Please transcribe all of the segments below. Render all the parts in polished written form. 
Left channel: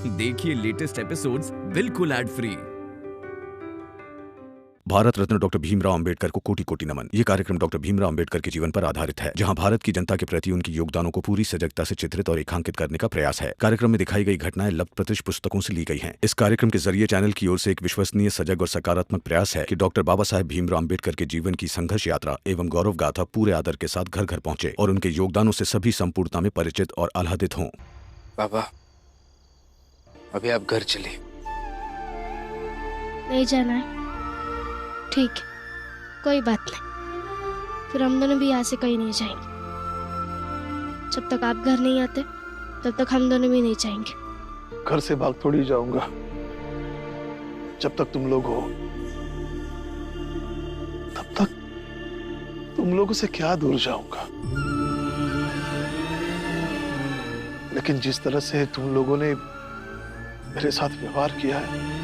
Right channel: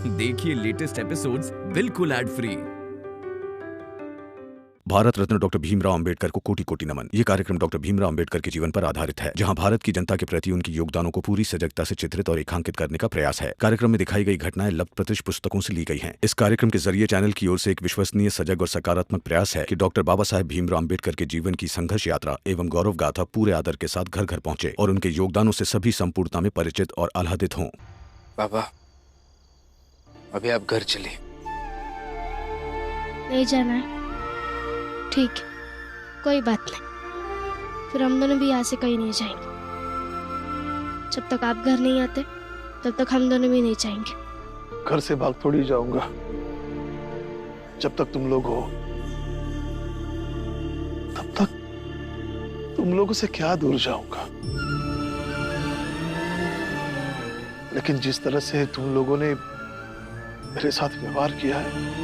देखिए latest episodes बिल्कुल ad free. Bharat Ratna doctor Bhimrao Ambedkar को कोटि कोटि नमन। ये कार्यक्रम डॉक्टर भीमराव अंबेडकर के जीवन पर आधारित है, जहां भारत की जनता के प्रति उनके योगदानों को पूरी सजगता से चित्रित और रेखांकित करने का प्रयास है। कार्यक्रम में दिखाई गई घटनाएं लब्ध प्रतिष्ठ पुस्तकों से ली गई हैं। इस कार्यक्रम के जरिए चैनल की ओर से एक विश्वसनीय, सजग और सकारात्मक प्रयास है कि डॉक्टर बाबा साहेब भीमराव अंबेडकर के जीवन की संघर्ष यात्रा एवं गौरव गाथा पूरे आदर के साथ घर घर पहुंचे और उनके योगदानों से सभी संपूर्णता में परिचित और आह्लादित हों। बाबा, अभी आप घर चलिए। नहीं जाना है? ठीक है, कोई बात नहीं। फिर हम दोनों भी यहाँ से कहीं नहीं जाएंगे। जब तक आप घर नहीं आते तब तक हम दोनों भी नहीं जाएंगे। घर से भाग थोड़ी जाऊंगा। जब तक तुम लोग हो तब तक तुम लोगों से क्या दूर जाऊंगा। लेकिन जिस तरह से तुम लोगों ने मेरे साथ व्यवहार किया है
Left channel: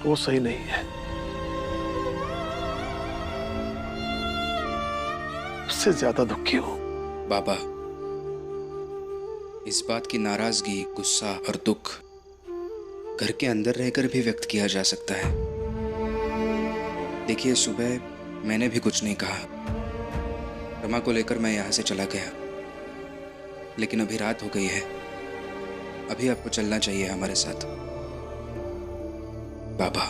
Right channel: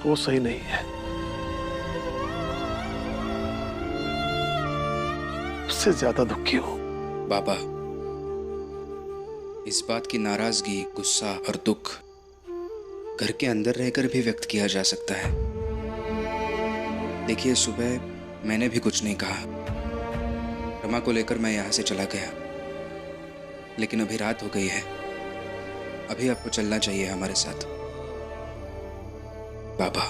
वो सही नहीं है। उससे ज्यादा दुखी हूं। बाबा, इस बात की नाराजगी, गुस्सा और दुख घर के अंदर रहकर भी व्यक्त किया जा सकता है। देखिए, सुबह मैंने भी कुछ नहीं कहा। रमा को लेकर मैं यहाँ से चला गया, लेकिन अभी रात हो गई है। अभी आपको चलना चाहिए हमारे साथ। बाबा,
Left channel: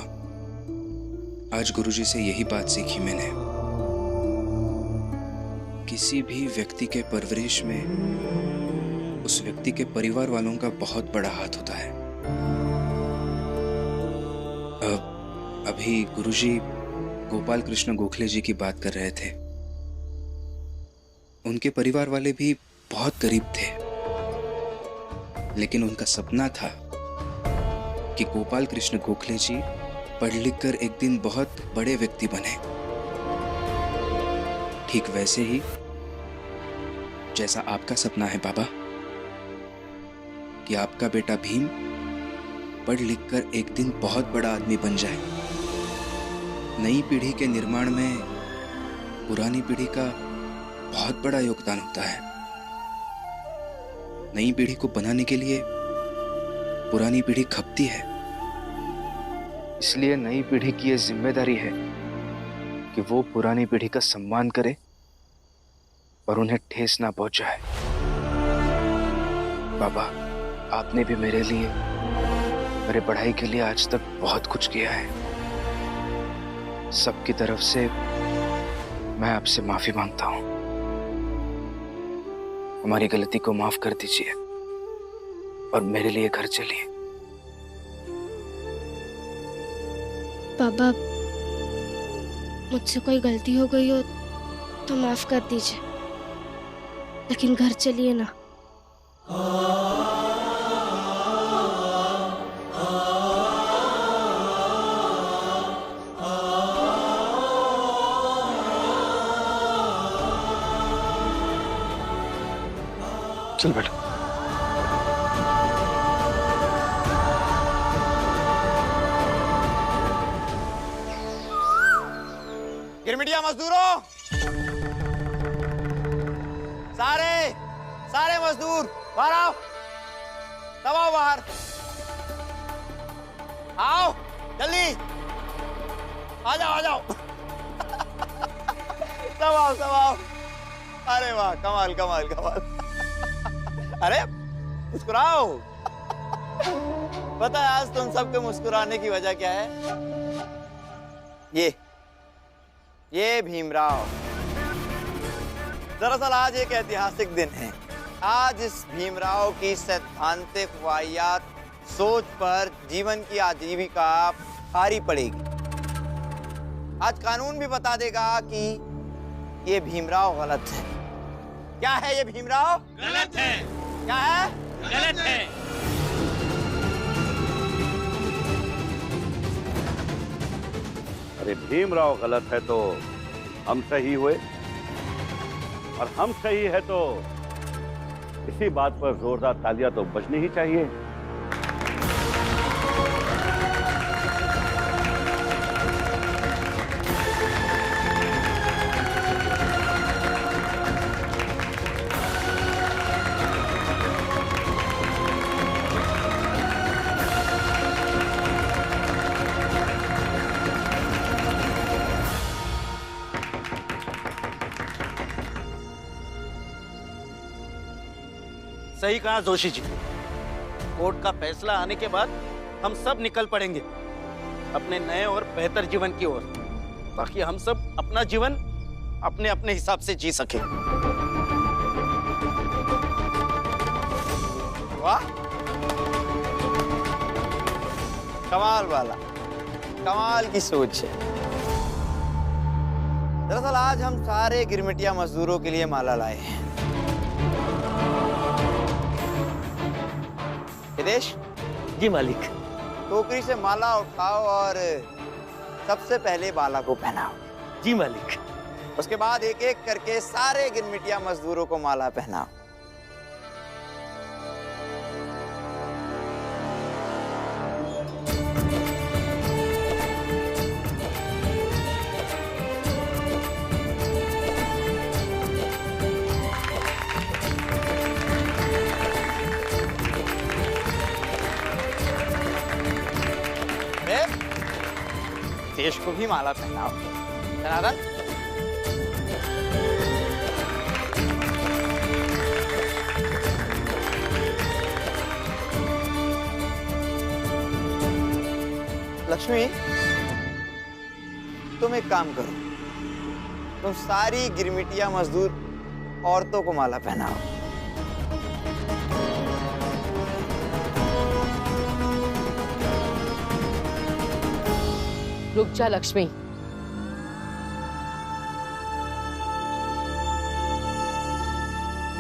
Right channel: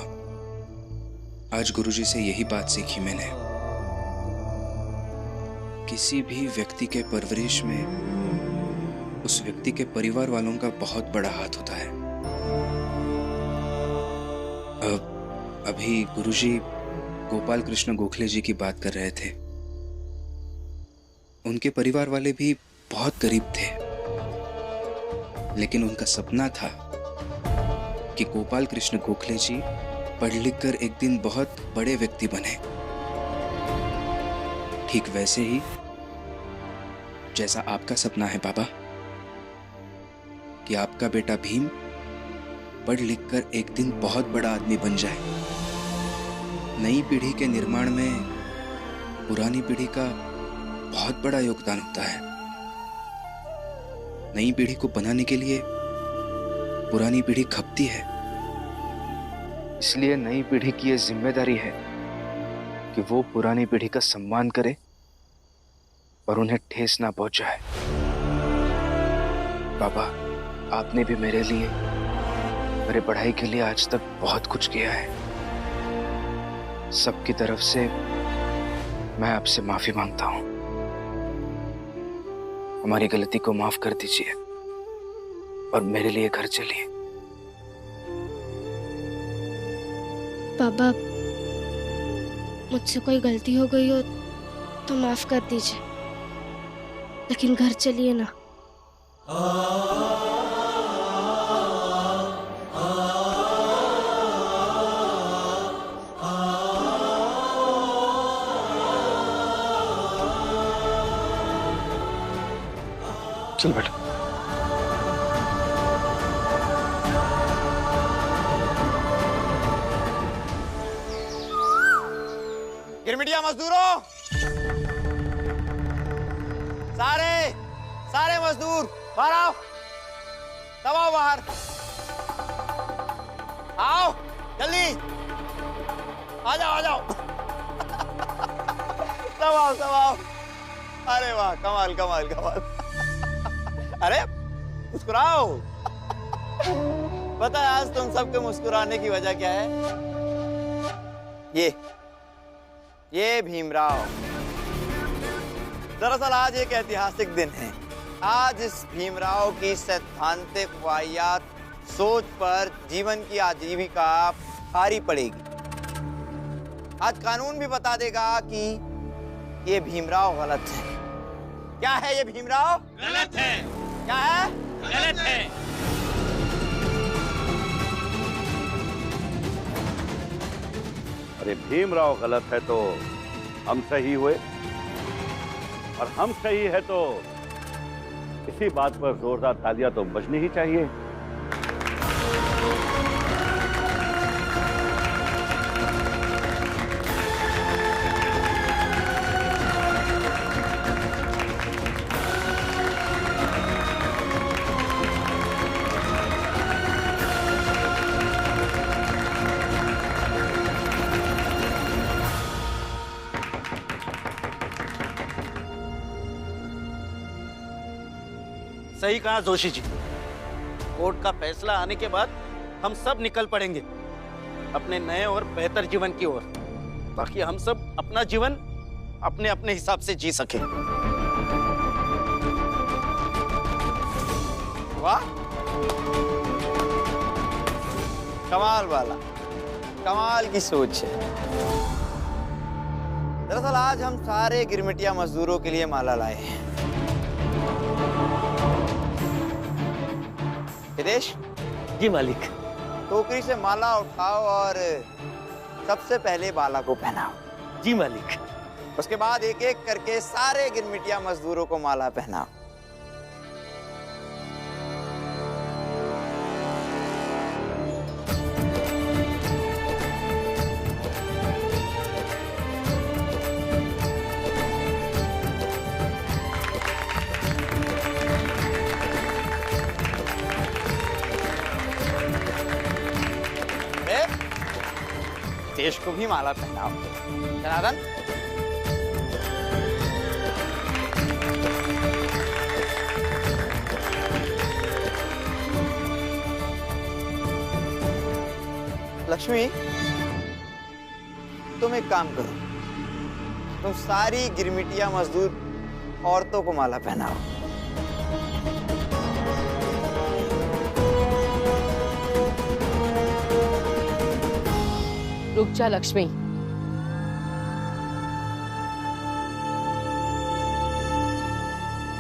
आज गुरुजी से यही बात सीखी मैंने। किसी भी व्यक्ति के परवरिश में उस व्यक्ति के परिवार वालों का बहुत बड़ा हाथ होता है। अभी गुरुजी गोपाल कृष्ण गोखले जी की बात कर रहे थे। उनके परिवार वाले भी बहुत गरीब थे, लेकिन उनका सपना था कि गोपाल कृष्ण गोखले जी पढ़ लिख कर एक दिन बहुत बड़े व्यक्ति बने। ठीक वैसे ही जैसा आपका सपना है बाबा, कि आपका बेटा भीम पढ़ लिख कर एक दिन बहुत बड़ा आदमी बन जाए। नई पीढ़ी के निर्माण में पुरानी पीढ़ी का बहुत बड़ा योगदान होता है। नई पीढ़ी को बनाने के लिए पुरानी पीढ़ी खपती है। इसलिए नई पीढ़ी की यह जिम्मेदारी है कि वो पुरानी पीढ़ी का सम्मान करे और उन्हें ठेस ना पहुंचाए। बाबा, आपने भी मेरे लिए, मेरे पढ़ाई के लिए आज तक बहुत कुछ किया है। सबकी तरफ से मैं आपसे माफी मांगता हूं। हमारी गलती को माफ कर दीजिए और मेरे लिए घर चलिए। बाबा, मुझसे कोई गलती हो गई हो तो माफ कर दीजिए, लेकिन घर चलिए ना। चल बेटा। गिरमिटिया मजदूरों, सारे मजदूर बाहर आओ। सब आओ बाहर, आओ जल्दी, आ जाओ। सब आओ। अरे वाह, कमाल। अरे मुस्कुराओ। पता है आज तुम सबके मुस्कुराने की वजह क्या है? ये भीमराव। दरअसल आज एक ऐतिहासिक दिन है। आज इस भीमराव की सैद्धांतिक वाहियात सोच पर जीवन की आजीविका भारी पड़ेगी। आज कानून भी बता देगा कि ये भीमराव गलत है। क्या है ये भीमराव? गलत है। क्या है? गलत है। अरे भीमराव गलत है तो हम सही हुए, और हम सही है तो इसी बात पर जोरदार तालियां तो बजनी ही चाहिए। सही कहा जोशी जी। कोर्ट का फैसला आने के बाद हम सब निकल पड़ेंगे अपने नए और बेहतर जीवन की ओर, ताकि हम सब अपना जीवन अपने अपने हिसाब से जी सके। वाह, कमाल वाला, कमाल की सोच है। दरअसल आज हम सारे गिरमिटिया मजदूरों के लिए माला लाए हैं। हितेश जी मालिक। टोकरी से माला उठाओ और सबसे पहले बाला को पहनाओ। जी मालिक। उसके बाद एक एक करके सारे गिरमिटिया मजदूरों को माला पहनाओ। देश को भी माला पहनाओ। जनार्दन, लक्ष्मी, तुम एक काम करो, तुम सारी गिरमिटिया मजदूर औरतों को माला पहनाओ। रुक जा लक्ष्मी।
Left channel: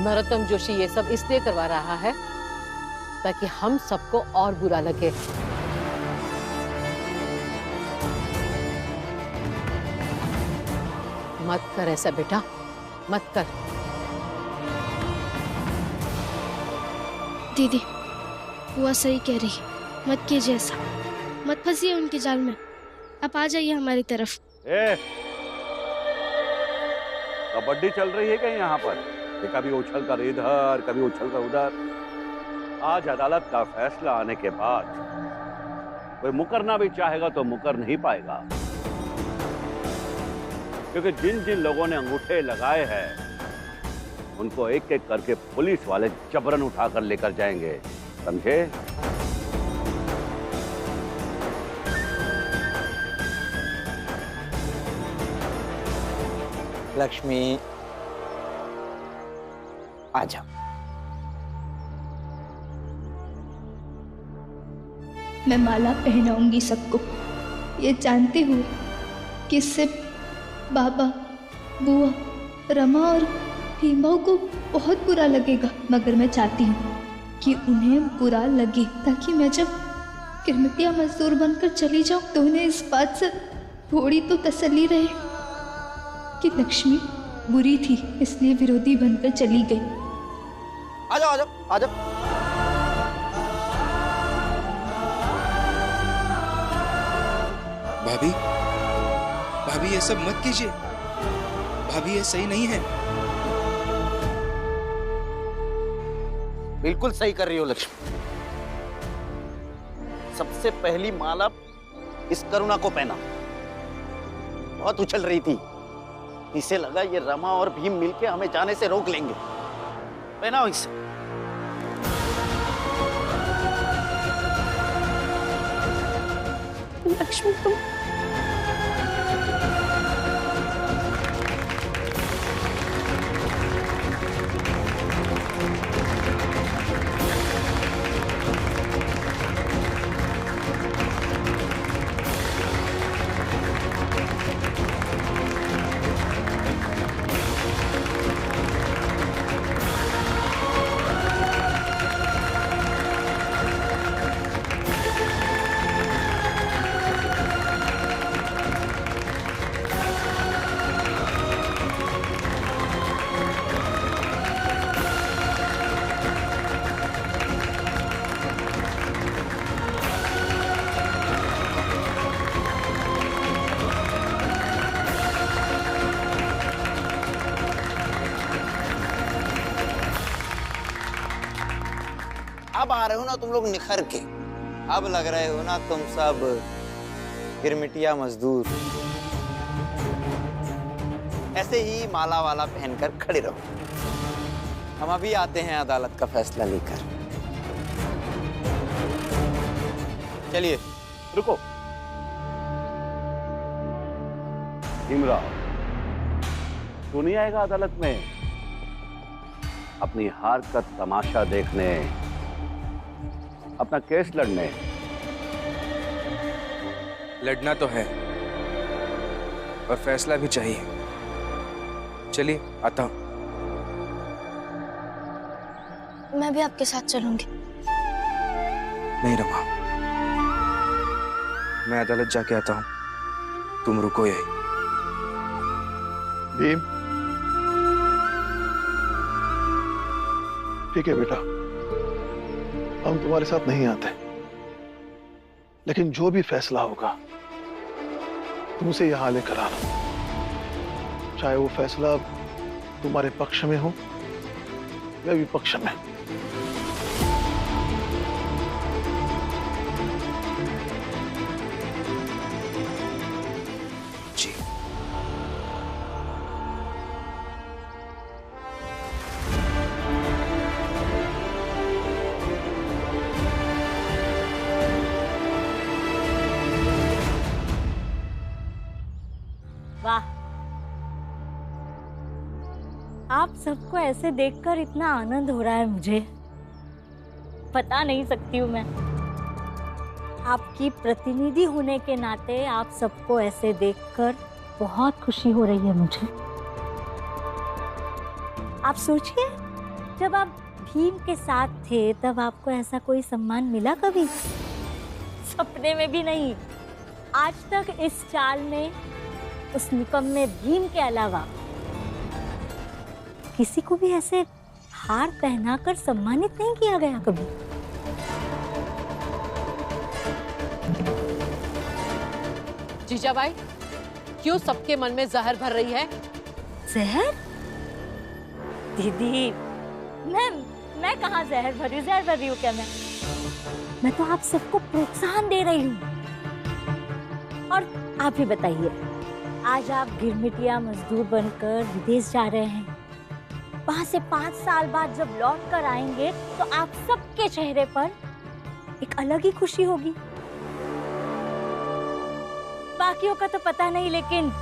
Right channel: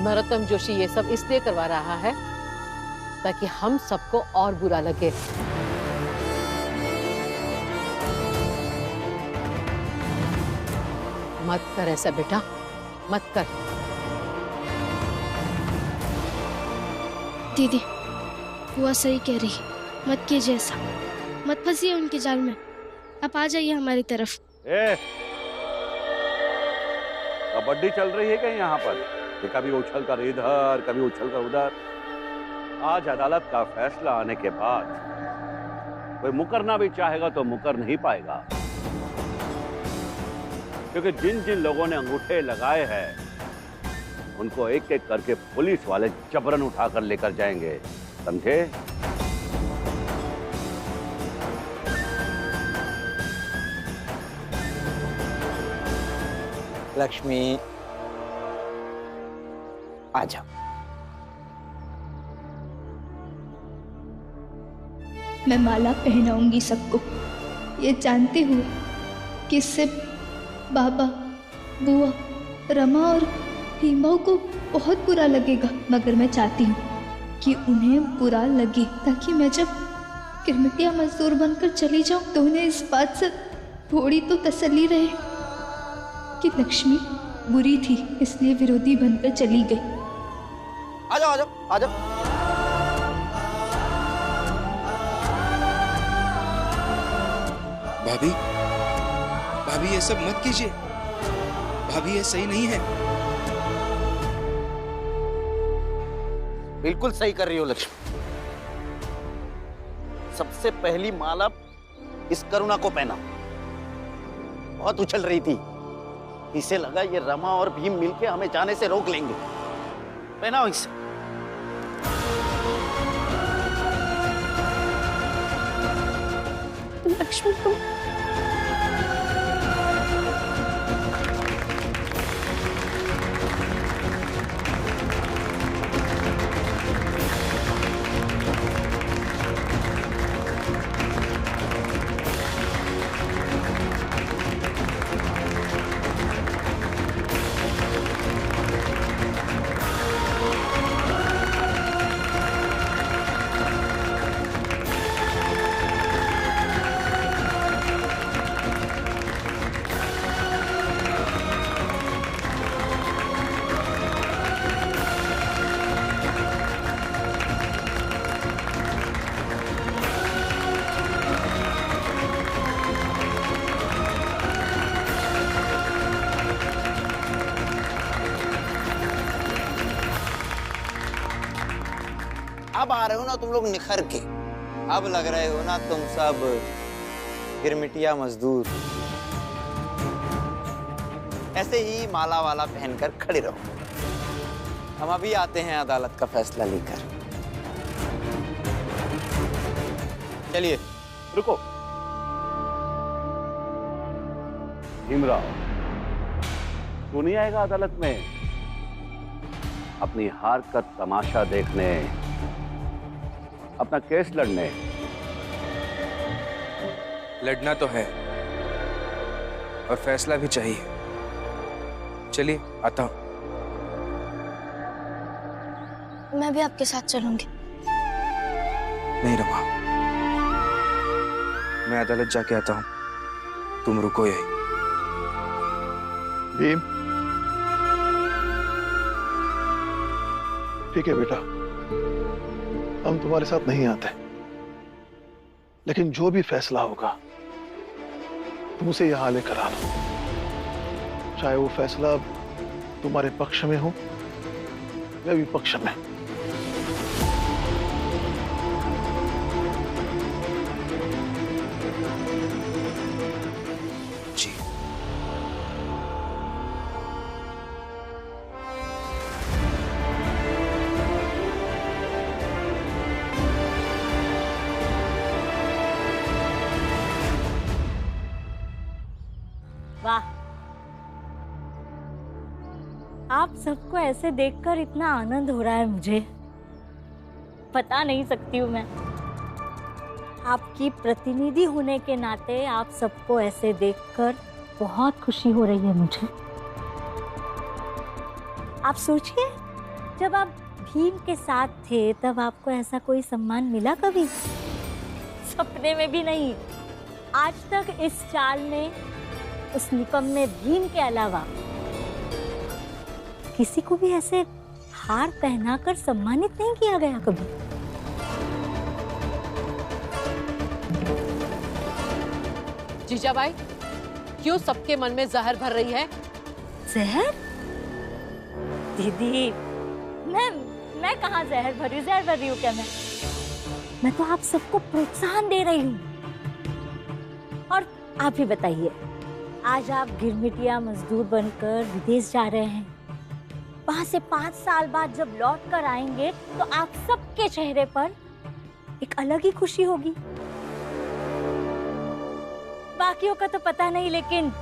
नरोत्तम जोशी ये सब इसलिए करवा रहा है ताकि हम सबको और बुरा लगे। मत कर ऐसा बेटा, मत कर। दीदी, बुआ सही कह रही, मत कीजिए ऐसा, मत फंसिए उनके जाल में। आप आ जाइए हमारी तरफ। कबड्डी चल रही है क्या यहाँ पर? ये कभी उछल कर इधर, कभी उछल कर उधर। आज अदालत का फैसला आने के बाद कोई मुकरना भी चाहेगा तो मुकर नहीं पाएगा, क्योंकि जिन जिन लोगों ने अंगूठे लगाए हैं उनको एक एक करके पुलिस वाले जबरन उठाकर लेकर जाएंगे, समझे? लक्ष्मी, आ जाओ। मैं माला पहनाऊंगी सबको, ये जानते हुए कि इससे बाबा, बुआ, रमा और भीमबाऊ को बहुत बुरा लगेगा, मगर मैं चाहती हूँ कि उन्हें बुरा लगे, ताकि मैं जब गिरमिटिया मजदूर बनकर चली जाऊँ तो उन्हें इस बात से थोड़ी तो तसल्ली रहे कि लक्ष्मी बुरी थी इसलिए विरोधी बनकर चली गई। आ जाओ, आ जाओ, आ जाओ। भाभी, भाभी ये सब मत कीजिए। भाभी ये सही नहीं है। बिल्कुल सही कर रही हो लक्ष्मी। सबसे पहली माला इस करुणा को पहना। बहुत उछल रही थी, इसे लगा ये रमा और भीम मिलके हमें जाने से रोक लेंगे। पहनाओ इसे। लक्ष्मी तुम अब आ रहे हो ना तुम लोग निखर के। अब लग रहे हो ना तुम सब गिरमिटिया मजदूर। ऐसे ही माला वाला पहनकर खड़े रहो। हम अभी आते हैं अदालत का फैसला लेकर। चलिए। रुको। भीमराव, तू नहीं आएगा अदालत में अपनी हार का तमाशा देखने, अपना केस लड़ने? लड़ना तो है और फैसला भी चाहिए। चलिए, आता हूं। मैं भी आपके साथ चलूंगी। नहीं रमा, मैं अदालत जाके आता हूं, तुम रुको यही। भीम, ठीक है बेटा, हम तुम्हारे साथ नहीं आते, लेकिन जो भी फैसला होगा तुम उसे यहां लेकर आना, चाहे वो फैसला तुम्हारे पक्ष में हो या विपक्ष में। जी। वाह, आप सबको ऐसे देखकर इतना आनंद हो रहा है, मुझे बता नहीं सकती हूँ मैं। आपकी प्रतिनिधि होने के नाते आप सबको ऐसे देखकर बहुत खुशी हो रही है मुझे। आप सोचिए, जब आप भीम के साथ थे तब आपको ऐसा कोई सम्मान मिला कभी? सपने में भी नहीं। आज तक इस चाल में उस निकम्मे भीम के अलावा किसी को भी ऐसे हार पहनाकर सम्मानित नहीं किया गया कभी। जीजाबाई, क्यों सबके मन में जहर भर रही है? जहर? दीदी, मैं कहाँ जहर भर रही हूँ क्या? मैं तो आप सबको प्रोत्साहन दे रही हूँ। और आप ही बताइए, आज आप गिरमिटिया मजदूर बनकर विदेश जा रहे हैं। वहां से 5 साल बाद जब लौट कर आएंगे तो आप सबके चेहरे पर एक अलग ही खुशी होगी। बाकियों का तो पता नहीं, लेकिन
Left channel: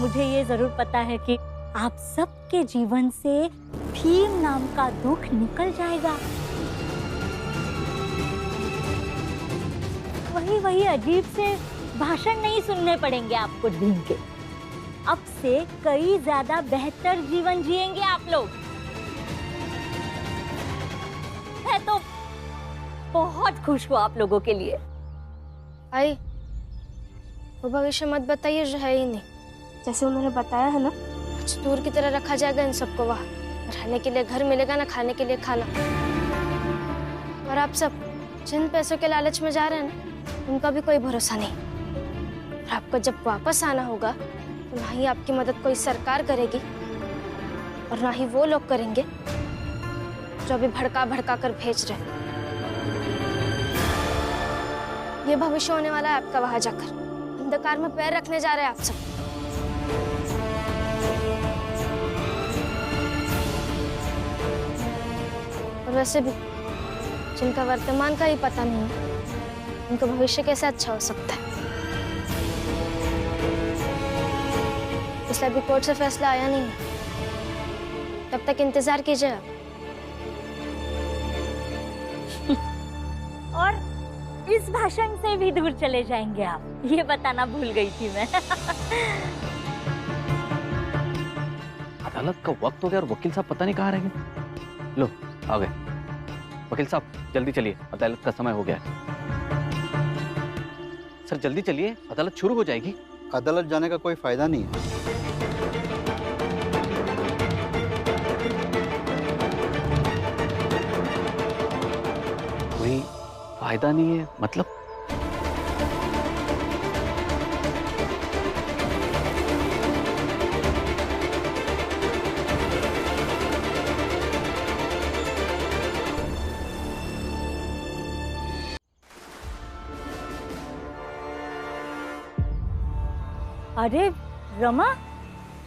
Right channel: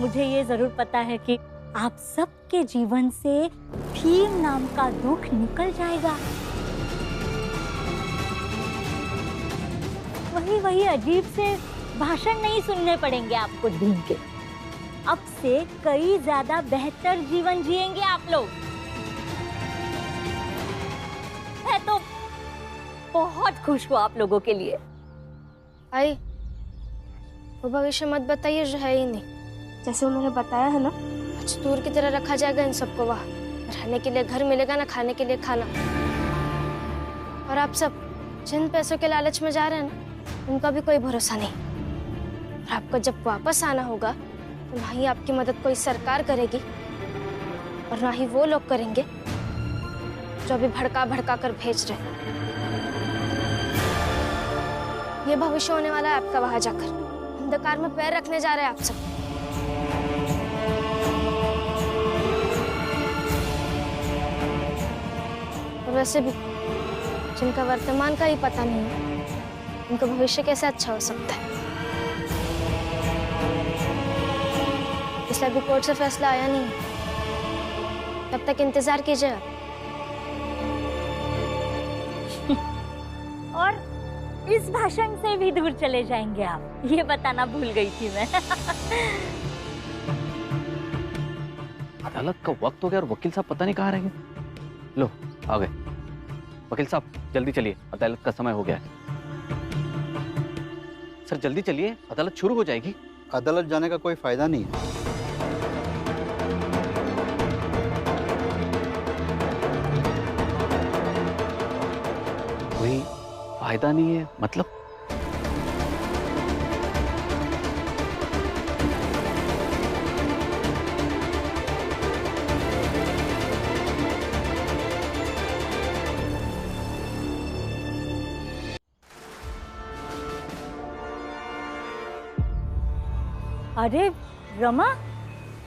मुझे ये जरूर पता है कि आप सबके जीवन से भीम नाम का दुख निकल जाएगा। वही अजीब से भाषण नहीं सुनने पड़ेंगे आपको भीम के। अब से कई ज्यादा बेहतर जीवन जिएंगे आप लोग। मैं तो बहुत खुश हूँ आप लोगों के लिए। आई, वो भविष्य मत बताइए जो है ही नहीं। जैसे उन्होंने बताया है ना, मजदूर की तरह रखा जाएगा इन सबको। वहाँ रहने के लिए घर मिलेगा ना, खाने के लिए खाना। और आप सब जिन पैसों के लालच में जा रहे हैं ना, उनका भी कोई भरोसा नहीं। और आपको जब वापस आना होगा तो ना ही आपकी मदद कोई सरकार करेगी और ना ही वो लोग करेंगे जो अभी भड़का कर भेज रहे। ये भविष्य होने वाला है आपका। वहां जाकर अंधकार में पैर रखने जा रहे हैं आप सब। और वैसे भी जिनका वर्तमान का ही पता नहीं है, उनका भविष्य कैसे अच्छा हो सकता है? इसलिए अभी कोर्ट से फैसला आया नहीं है, तब तक इंतजार कीजिए आप। और इस भाषण से भी दूर चले जाएंगे आप, ये बताना भूल गई थी मैं। अदालत का वक्त हो गया और वकील साहब पता नहीं कहाँ रह गए। लो आ गए। वकील साहब जल्दी चलिए, अदालत का समय हो गया है। सर जल्दी चलिए, अदालत शुरू हो जाएगी। अदालत जाने का कोई फायदा नहीं है। कोई फायदा नहीं है मतलब? अरे रमा,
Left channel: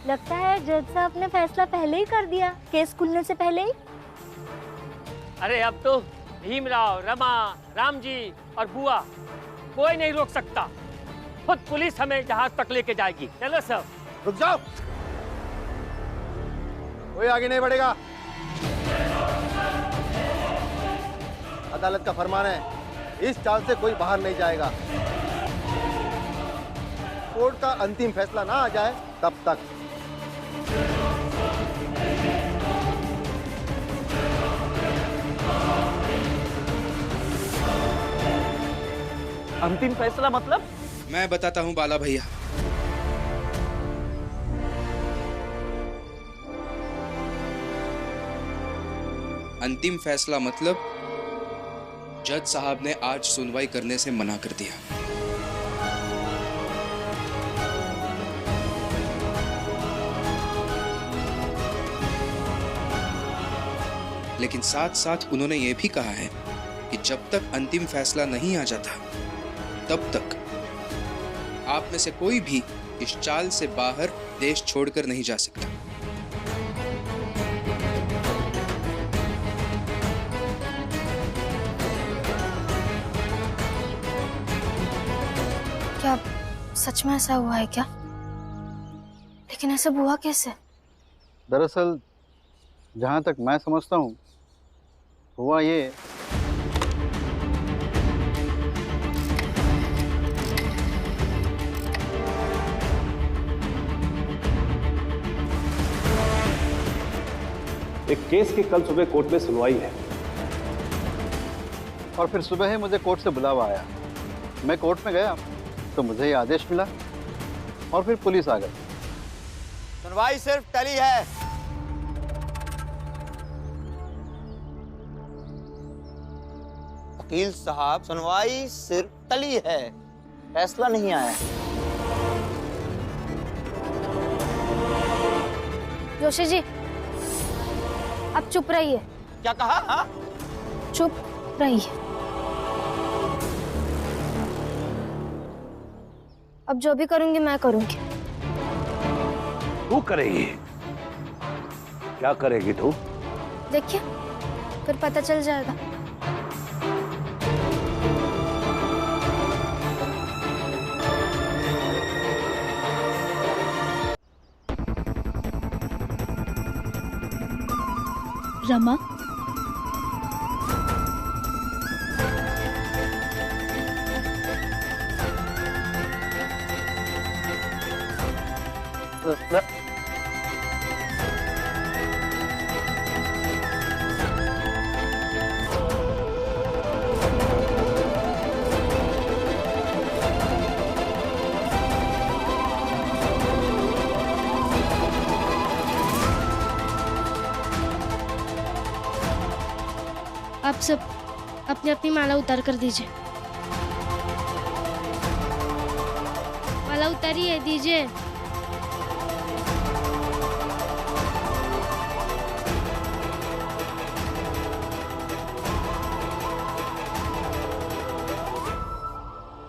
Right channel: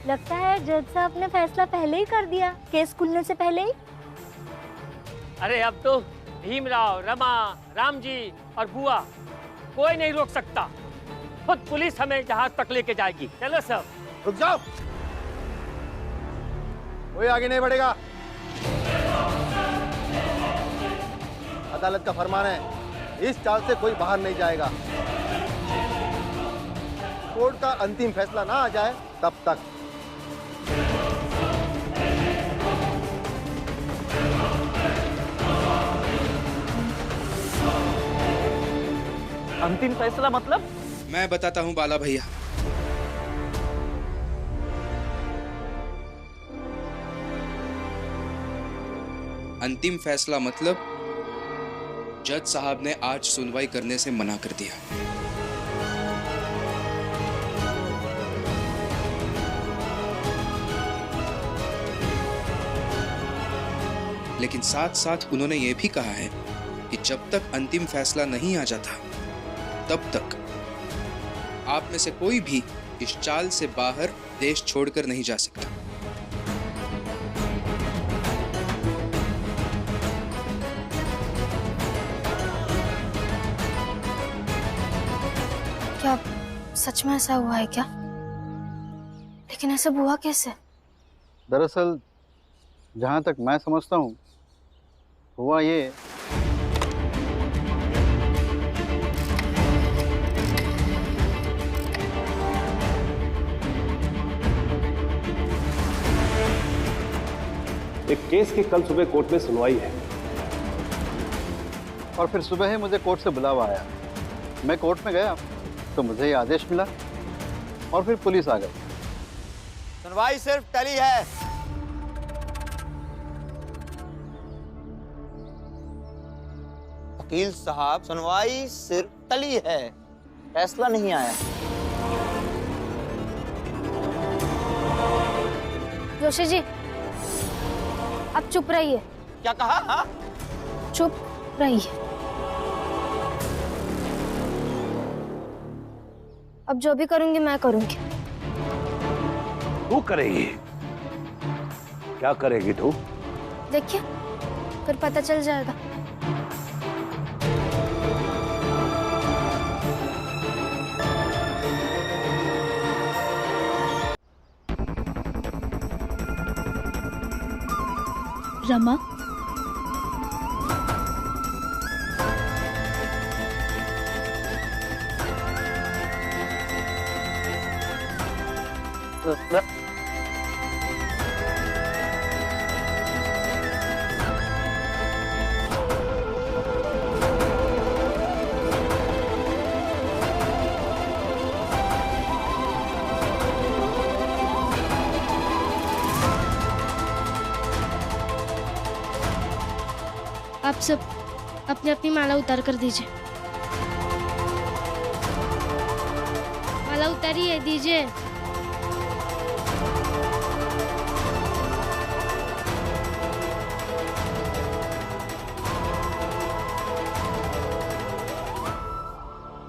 लगता है जज साहब ने फैसला पहले ही कर दिया, केस खुलने से पहले ही। अरे अब तो भीमराव, रमा, राम जी और बुआ कोई नहीं रोक सकता। खुद पुलिस हमें जहाज तक लेके जाएगी। चलो सब। रुक जाओ, कोई आगे नहीं बढ़ेगा। अदालत का फरमान है, इस चाल से कोई बाहर नहीं जाएगा। कोर्ट का अंतिम फैसला ना आ जाए तब तक। अंतिम फैसला मतलब? मैं बताता हूं बाला भैया। अंतिम फैसला मतलब जज साहब ने आज सुनवाई करने से मना कर दिया। लेकिन साथ साथ उन्होंने ये भी कहा है कि जब तक अंतिम फैसला नहीं आ जाता तब तक आप में से कोई भी इस चाल से बाहर देश छोड़कर नहीं जा सकता। क्या सच में ऐसा हुआ है क्या? लेकिन ऐसा हुआ कैसे? दरअसल जहां तक मैं समझता हूँ हुआ ये, एक केस की कल सुबह कोर्ट में सुनवाई है और फिर सुबह ही मुझे कोर्ट से बुलावा आया। मैं कोर्ट में गया तो मुझे ये आदेश मिला और फिर पुलिस आ गई। सुनवाई सिर्फ टली है। वकील साहब, सुनवाई सिर्फ टली है, फैसला नहीं आया। जोशी जी, अब चुप रहिए। क्या कहा? हाँ? चुप रहिए। अब जो भी करूंगी मैं करूंगी। तू करेगी? क्या करेगी तू? देखिए, फिर पता चल जाएगा। रमा, आप सब अपनी अपनी माला उतार कर दीजिए। माला उतारिए, दीजिए।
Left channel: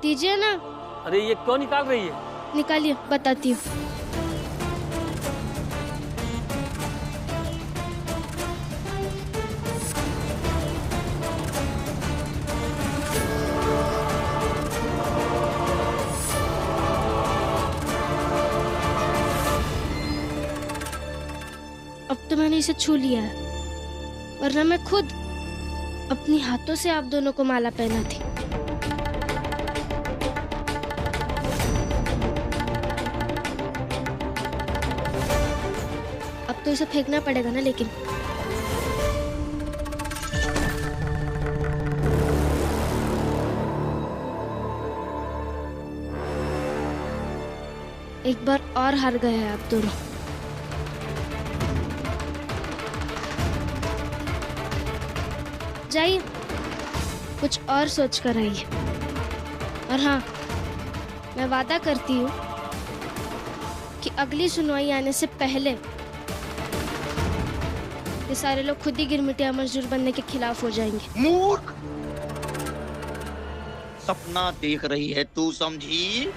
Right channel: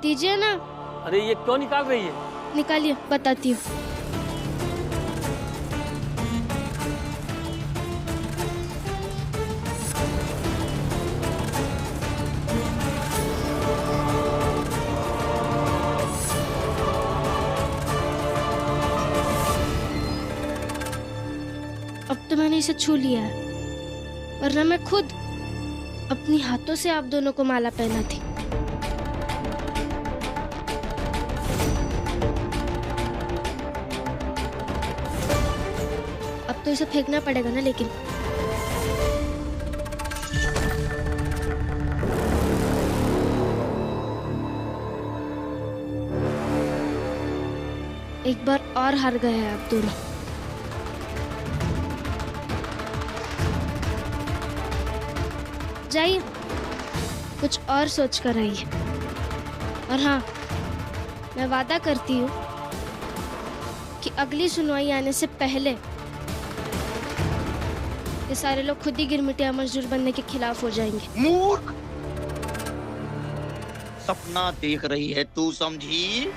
दीजिए ना। अरे ये क्यों निकाल रही है? निकालिए, बताती हूँ। अब तो मैंने इसे छू लिया है, वरना मैं खुद अपनी हाथों से आप दोनों को माला पहना थी। अब तो इसे फेंकना पड़ेगा ना, लेकिन एक बार और हार गए हैं आप दोनों। जाइए, कुछ और सोच कर आइए। और हाँ, मैं वादा करती हूँ कि अगली सुनवाई आने से पहले ये सारे लोग खुद ही गिरमिटिया मजदूर बनने के खिलाफ हो जाएंगे। मूर्ख! सपना देख रही है तू, समझी?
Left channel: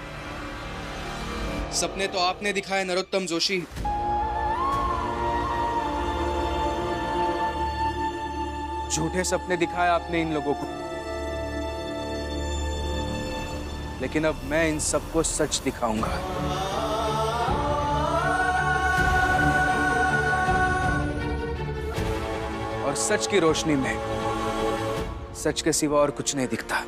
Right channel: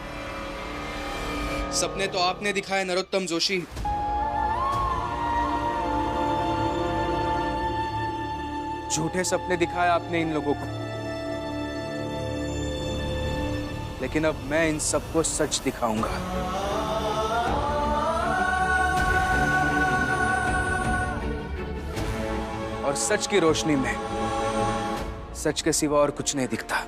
सपने तो आपने दिखाए नरोत्तम जोशी। झूठे सपने दिखाए आपने इन लोगों को, लेकिन अब मैं इन सबको सच दिखाऊंगा। और सच की रोशनी में सच के सिवा और कुछ नहीं दिखता।